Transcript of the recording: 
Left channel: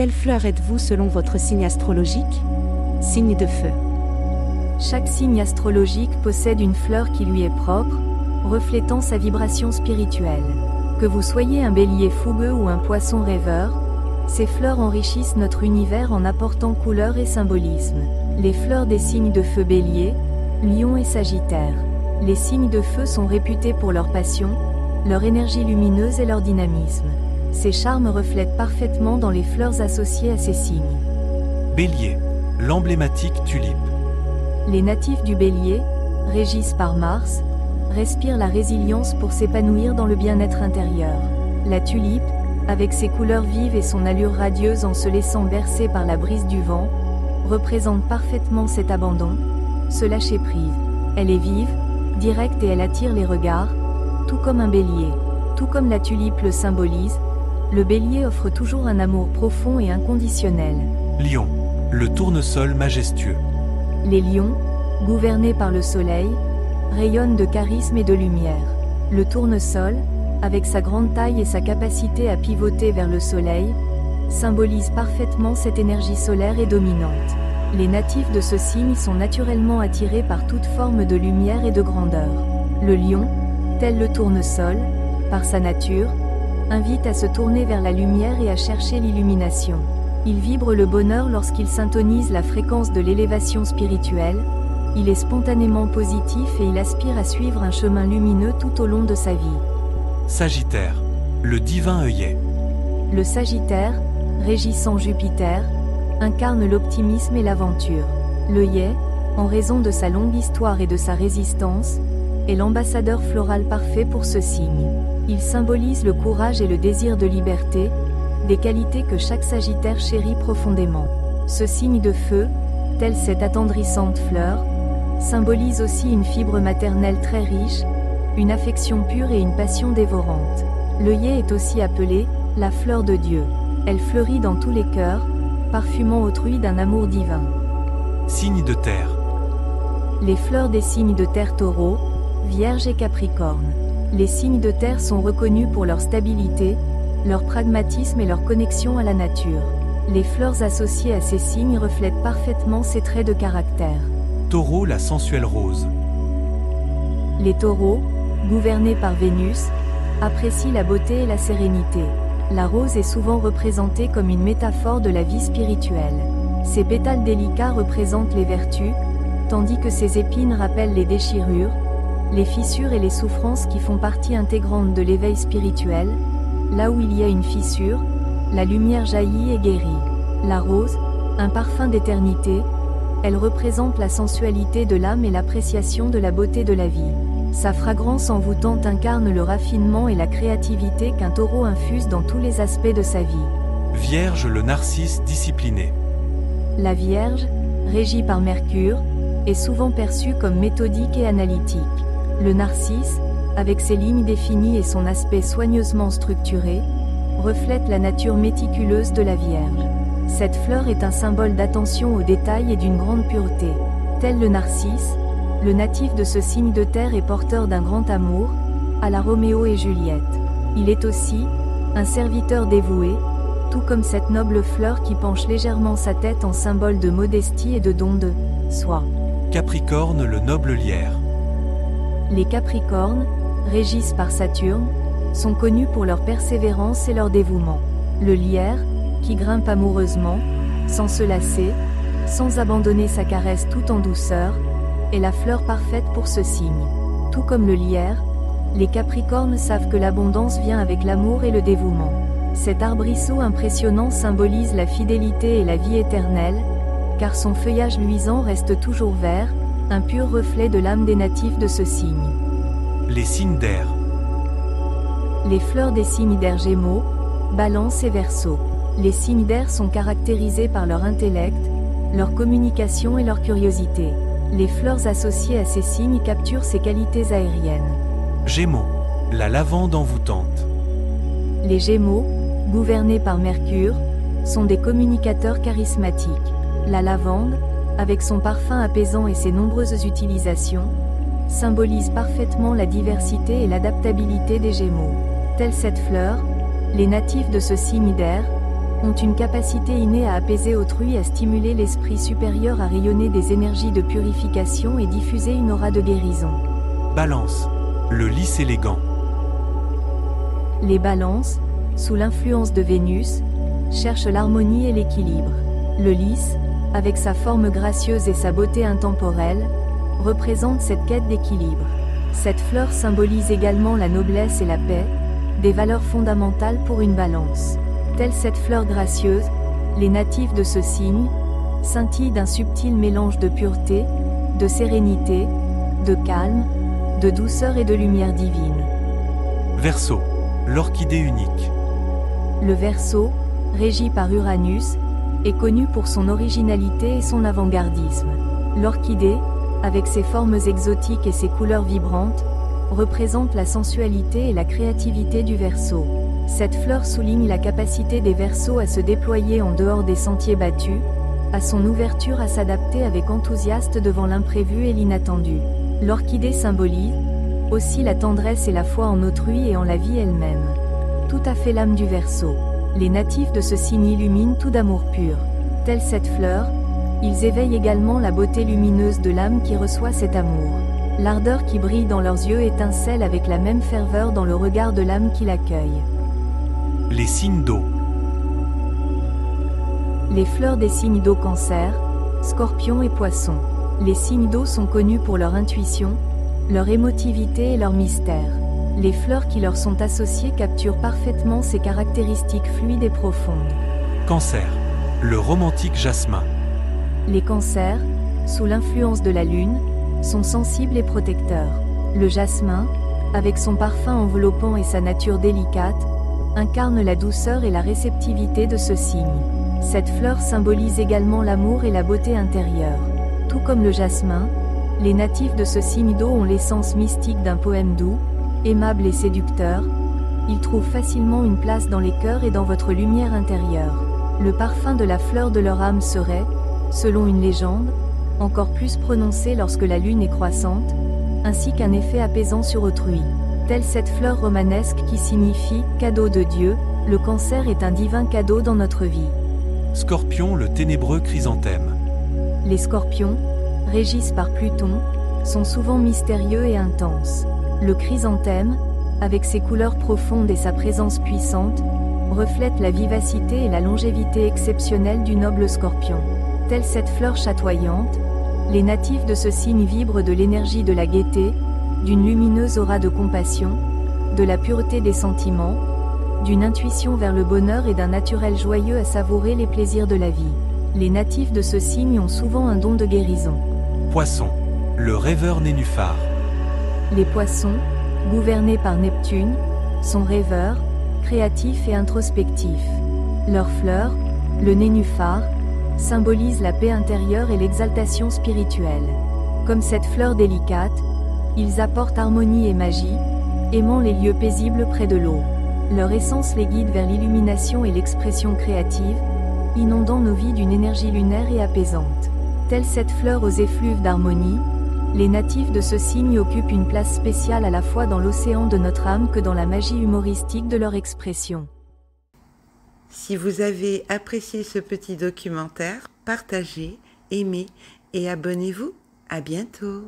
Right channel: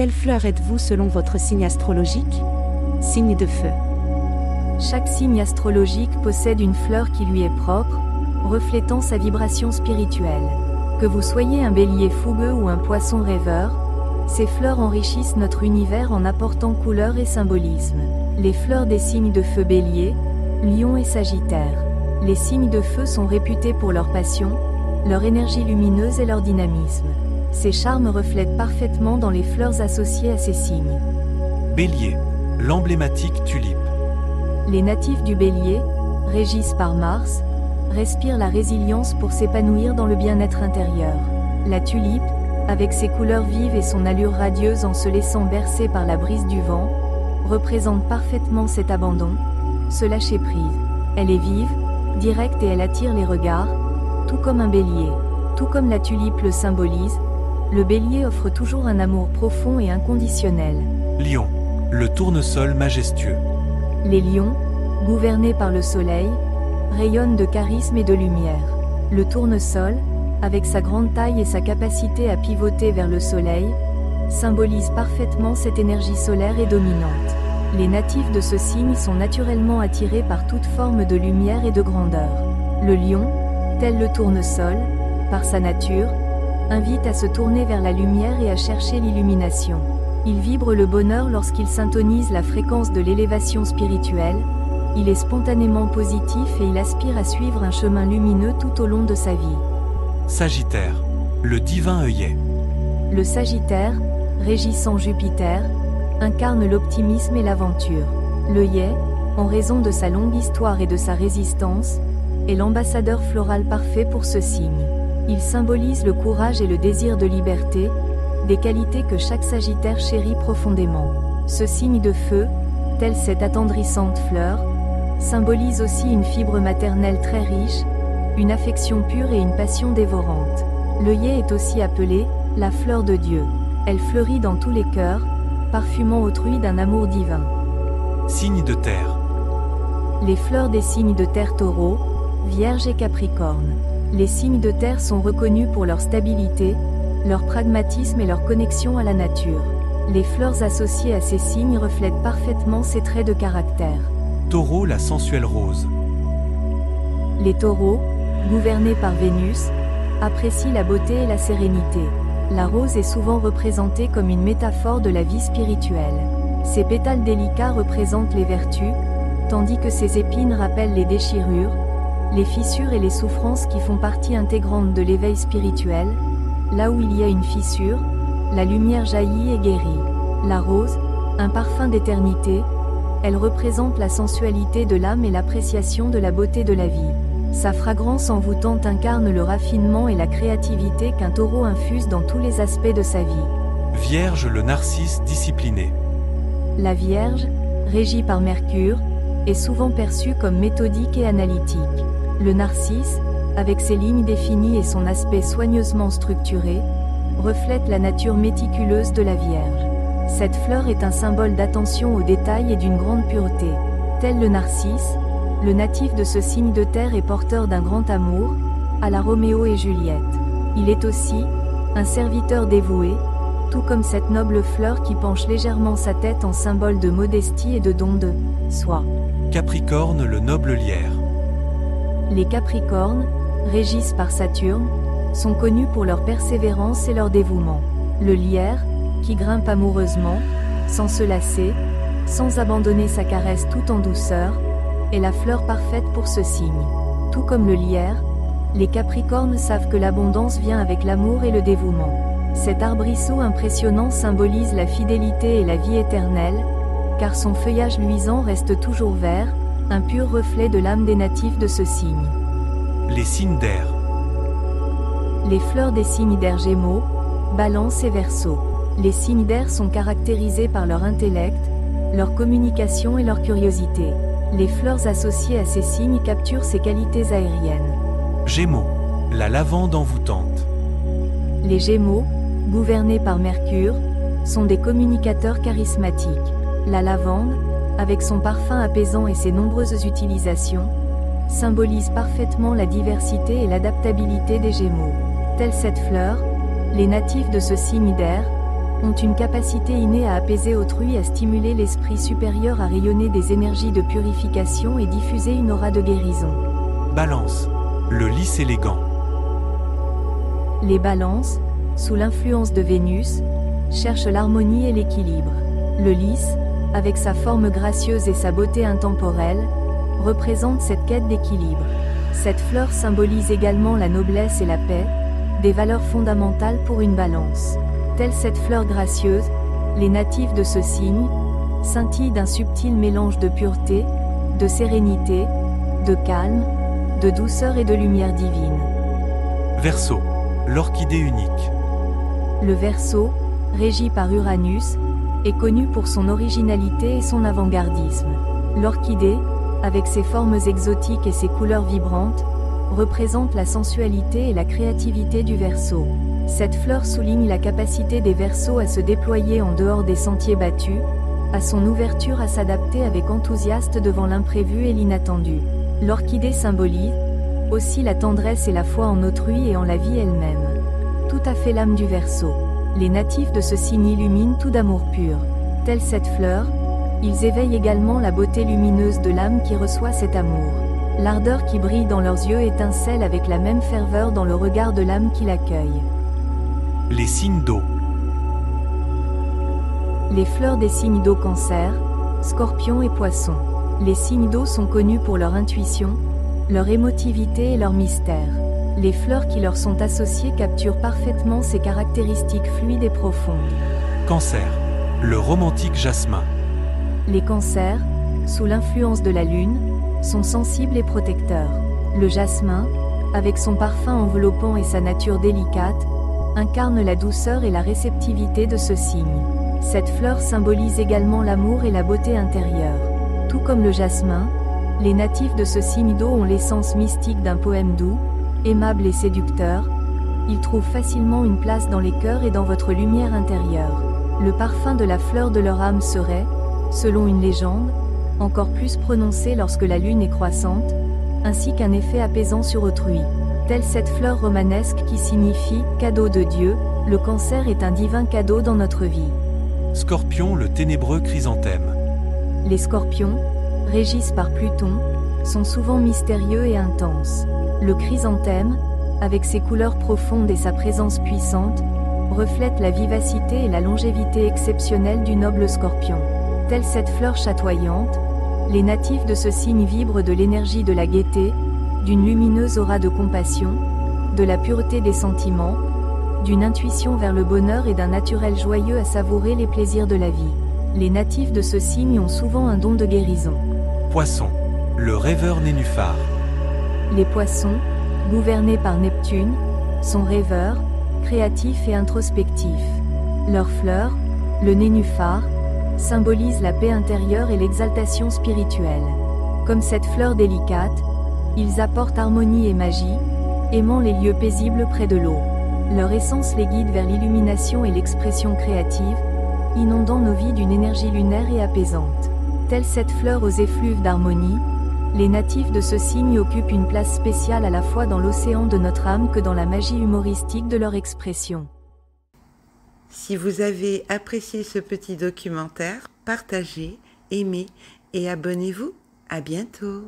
Quelle fleur êtes-vous selon votre signe astrologique? Signe de feu. Chaque signe astrologique possède une fleur qui lui est propre, reflétant sa vibration spirituelle. Que vous soyez un bélier fougueux ou un poisson rêveur, ces fleurs enrichissent notre univers en apportant couleur et symbolisme. Les fleurs des signes de feu bélier, lion et sagittaire. Les signes de feu sont réputés pour leur passion, leur énergie lumineuse et leur dynamisme. Ces charmes reflètent parfaitement dans les fleurs associées à ces signes. Bélier, l'emblématique tulipe. Les natifs du Bélier, régis par Mars, respirent la résilience pour s'épanouir dans le bien-être intérieur. La tulipe, avec ses couleurs vives et son allure radieuse en se laissant bercer par la brise du vent, représente parfaitement cet abandon, ce lâcher-prise. Elle est vive, directe et elle attire les regards, tout comme un bélier. Tout comme la tulipe le symbolise, le bélier offre toujours un amour profond et inconditionnel. Lion, le tournesol majestueux. Les lions, gouvernés par le soleil, rayonnent de charisme et de lumière. Le tournesol, avec sa grande taille et sa capacité à pivoter vers le soleil, symbolise parfaitement cette énergie solaire et dominante. Les natifs de ce signe sont naturellement attirés par toute forme de lumière et de grandeur. Le lion, tel le tournesol, par sa nature, invite à se tourner vers la lumière et à chercher l'illumination. Il vibre le bonheur lorsqu'il syntonise la fréquence de l'élévation spirituelle, il est spontanément positif et il aspire à suivre un chemin lumineux tout au long de sa vie. Sagittaire, le divin œillet. Le Sagittaire, régissant Jupiter, incarne l'optimisme et l'aventure. L'œillet, en raison de sa longue histoire et de sa résistance, est l'ambassadeur floral parfait pour ce signe. Il symbolise le courage et le désir de liberté, des qualités que chaque Sagittaire chérit profondément. Ce signe de feu, telle cette attendrissante fleur, symbolise aussi une fibre maternelle très riche, une affection pure et une passion dévorante. L'œillet est aussi appelée la fleur de Dieu. Elle fleurit dans tous les cœurs, parfumant autrui d'un amour divin. Signe de terre. Les fleurs des signes de terre Taureau, Vierge et Capricorne. Les signes de terre sont reconnus pour leur stabilité, leur pragmatisme et leur connexion à la nature. Les fleurs associées à ces signes reflètent parfaitement ces traits de caractère. Taureau, la sensuelle rose. Les taureaux, gouvernés par Vénus, apprécient la beauté et la sérénité. La rose est souvent représentée comme une métaphore de la vie spirituelle. Ses pétales délicats représentent les vertus, tandis que ses épines rappellent les déchirures, les fissures et les souffrances qui font partie intégrante de l'éveil spirituel. Là où il y a une fissure, la lumière jaillit et guérit. La rose, un parfum d'éternité, elle représente la sensualité de l'âme et l'appréciation de la beauté de la vie. Sa fragrance envoûtante incarne le raffinement et la créativité qu'un taureau infuse dans tous les aspects de sa vie. Vierge, le narcisse discipliné. La Vierge, régie par Mercure, est souvent perçue comme méthodique et analytique. Le narcisse, avec ses lignes définies et son aspect soigneusement structuré, reflète la nature méticuleuse de la Vierge. Cette fleur est un symbole d'attention aux détails et d'une grande pureté. Tel le narcisse, le natif de ce signe de terre est porteur d'un grand amour, à la Roméo et Juliette. Il est aussi un serviteur dévoué, tout comme cette noble fleur qui penche légèrement sa tête en symbole de modestie et de don de soi. Capricorne, le noble lierre. Les Capricornes, régis par Saturne, sont connus pour leur persévérance et leur dévouement. Le lierre, qui grimpe amoureusement, sans se lasser, sans abandonner sa caresse tout en douceur, est la fleur parfaite pour ce signe. Tout comme le lierre, les Capricornes savent que l'abondance vient avec l'amour et le dévouement. Cet arbrisseau impressionnant symbolise la fidélité et la vie éternelle, car son feuillage luisant reste toujours vert, un pur reflet de l'âme des natifs de ce signe. Les signes d'air. Les fleurs des signes d'air Gémeaux, Balance et Verseau. Les signes d'air sont caractérisés par leur intellect, leur communication et leur curiosité. Les fleurs associées à ces signes capturent ces qualités aériennes. Gémeaux, la lavande envoûtante. Les Gémeaux, gouvernés par Mercure, sont des communicateurs charismatiques. La lavande, avec son parfum apaisant et ses nombreuses utilisations, symbolise parfaitement la diversité et l'adaptabilité des Gémeaux. Telle cette fleur, les natifs de ce signe d'air ont une capacité innée à apaiser autrui, à stimuler l'esprit supérieur, à rayonner des énergies de purification et diffuser une aura de guérison. Balance. Le lys élégant. Les balances, sous l'influence de Vénus, cherchent l'harmonie et l'équilibre. Le lys, avec sa forme gracieuse et sa beauté intemporelle, représente cette quête d'équilibre. Cette fleur symbolise également la noblesse et la paix, des valeurs fondamentales pour une balance. Telle cette fleur gracieuse, les natifs de ce signe scintillent d'un subtil mélange de pureté, de sérénité, de calme, de douceur et de lumière divine. Verseau. L'orchidée unique. Le Verseau, régi par Uranus, est connu pour son originalité et son avant-gardisme. L'orchidée, avec ses formes exotiques et ses couleurs vibrantes, représente la sensualité et la créativité du Verseau. Cette fleur souligne la capacité des Verseaux à se déployer en dehors des sentiers battus, à son ouverture à s'adapter avec enthousiasme devant l'imprévu et l'inattendu. L'orchidée symbolise aussi la tendresse et la foi en autrui et en la vie elle-même. Tout à fait l'âme du Verseau. Les natifs de ce signe illuminent tout d'amour pur. Telle cette fleur, ils éveillent également la beauté lumineuse de l'âme qui reçoit cet amour. L'ardeur qui brille dans leurs yeux étincelle avec la même ferveur dans le regard de l'âme qui l'accueille. Les signes d'eau. Les fleurs des signes d'eau: Cancer, Scorpion et Poisson. Les signes d'eau sont connus pour leur intuition, leur émotivité et leur mystère. Les fleurs qui leur sont associées capturent parfaitement ces caractéristiques fluides et profondes. Cancer. Le romantique jasmin. Les cancers, sous l'influence de la lune, sont sensibles et protecteurs. Le jasmin, avec son parfum enveloppant et sa nature délicate, incarne la douceur et la réceptivité de ce signe. Cette fleur symbolise également l'amour et la beauté intérieure. Tout comme le jasmin, les natifs de ce signe d'eau ont l'essence mystique d'un poème doux, aimable et séducteur. Ils trouvent facilement une place dans les cœurs et dans votre lumière intérieure. Le parfum de la fleur de leur âme serait, selon une légende, encore plus prononcé lorsque la lune est croissante, ainsi qu'un effet apaisant sur autrui. Telle cette fleur romanesque qui signifie « cadeau de Dieu », le cancer est un divin cadeau dans notre vie. Scorpion, le ténébreux chrysanthème. Les scorpions, régis par Pluton, sont souvent mystérieux et intenses. Le chrysanthème, avec ses couleurs profondes et sa présence puissante, reflète la vivacité et la longévité exceptionnelle du noble scorpion. Telle cette fleur chatoyante, les natifs de ce signe vibrent de l'énergie de la gaieté, d'une lumineuse aura de compassion, de la pureté des sentiments, d'une intuition vers le bonheur et d'un naturel joyeux à savourer les plaisirs de la vie. Les natifs de ce signe ont souvent un don de guérison. Poisson. Le rêveur nénuphar. Les poissons, gouvernés par Neptune, sont rêveurs, créatifs et introspectifs. Leur fleur, le nénuphar, symbolise la paix intérieure et l'exaltation spirituelle. Comme cette fleur délicate, ils apportent harmonie et magie, aimant les lieux paisibles près de l'eau. Leur essence les guide vers l'illumination et l'expression créative, inondant nos vies d'une énergie lunaire et apaisante. Telle cette fleur aux effluves d'harmonie, les natifs de ce signe occupent une place spéciale à la fois dans l'océan de notre âme que dans la magie humoristique de leur expression. Si vous avez apprécié ce petit documentaire, partagez, aimez et abonnez-vous. À bientôt.